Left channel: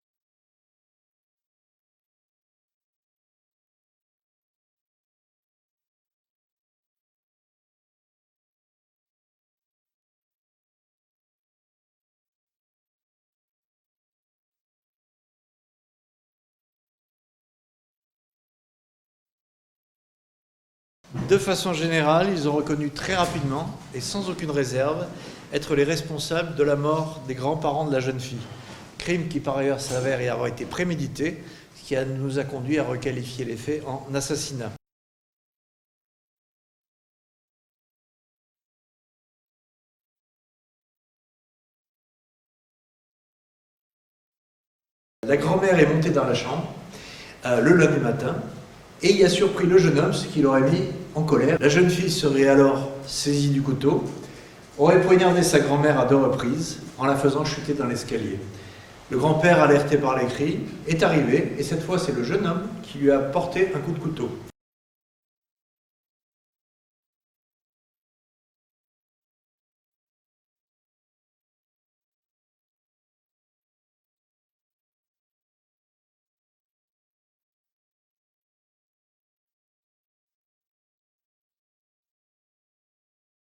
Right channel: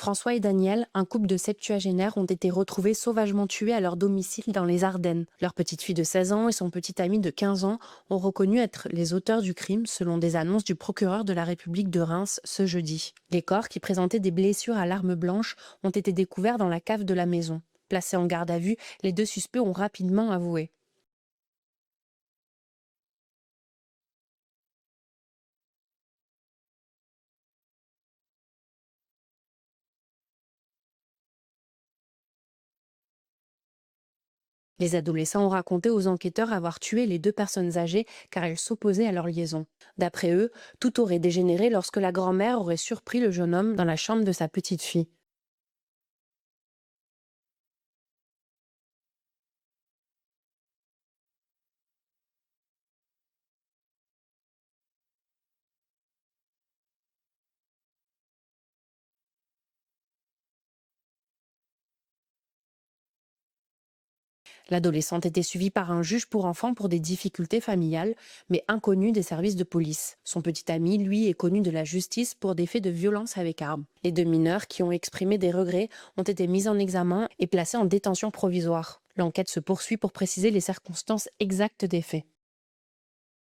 François et Daniel, un couple de septuagénaires, ont été retrouvés sauvagement tués à leur domicile dans les Ardennes. Leur petite fille de 16 ans et son petit ami de 15 ans ont reconnu être les auteurs du crime selon des annonces du procureur de la République de Reims ce jeudi. Les corps, qui présentaient des blessures à l'arme blanche, ont été découverts dans la cave de la maison. Placés en garde à vue, les deux suspects ont rapidement avoué. De façon générale, ils ont reconnu très rapidement et sans aucune réserve être les responsables de la mort des grands-parents de la jeune fille. Crime qui par ailleurs s'avère y avoir été prémédité, ce qui nous a conduit à requalifier les faits en assassinat. Les adolescents ont raconté aux enquêteurs avoir tué les deux personnes âgées car elles s'opposaient à leur liaison. D'après eux, tout aurait dégénéré lorsque la grand-mère aurait surpris le jeune homme dans la chambre de sa petite fille. La grand-mère est montée dans la chambre le lundi matin et y a surpris le jeune homme, ce qui l'aurait mis en colère. La jeune fille serait alors saisie du couteau, aurait poignardé sa grand-mère à 2 reprises en la faisant chuter dans l'escalier. Le grand-père, alerté par les cris, est arrivé et cette fois c'est le jeune homme qui lui a porté un coup de couteau. L'adolescente était suivie par un juge pour enfants pour des difficultés familiales, mais inconnu des services de police. Son petit ami, lui, est connu de la justice pour des faits de violence avec arme. Les deux mineurs, qui ont exprimé des regrets, ont été mis en examen et placés en détention provisoire. L'enquête se poursuit pour préciser les circonstances exactes des faits.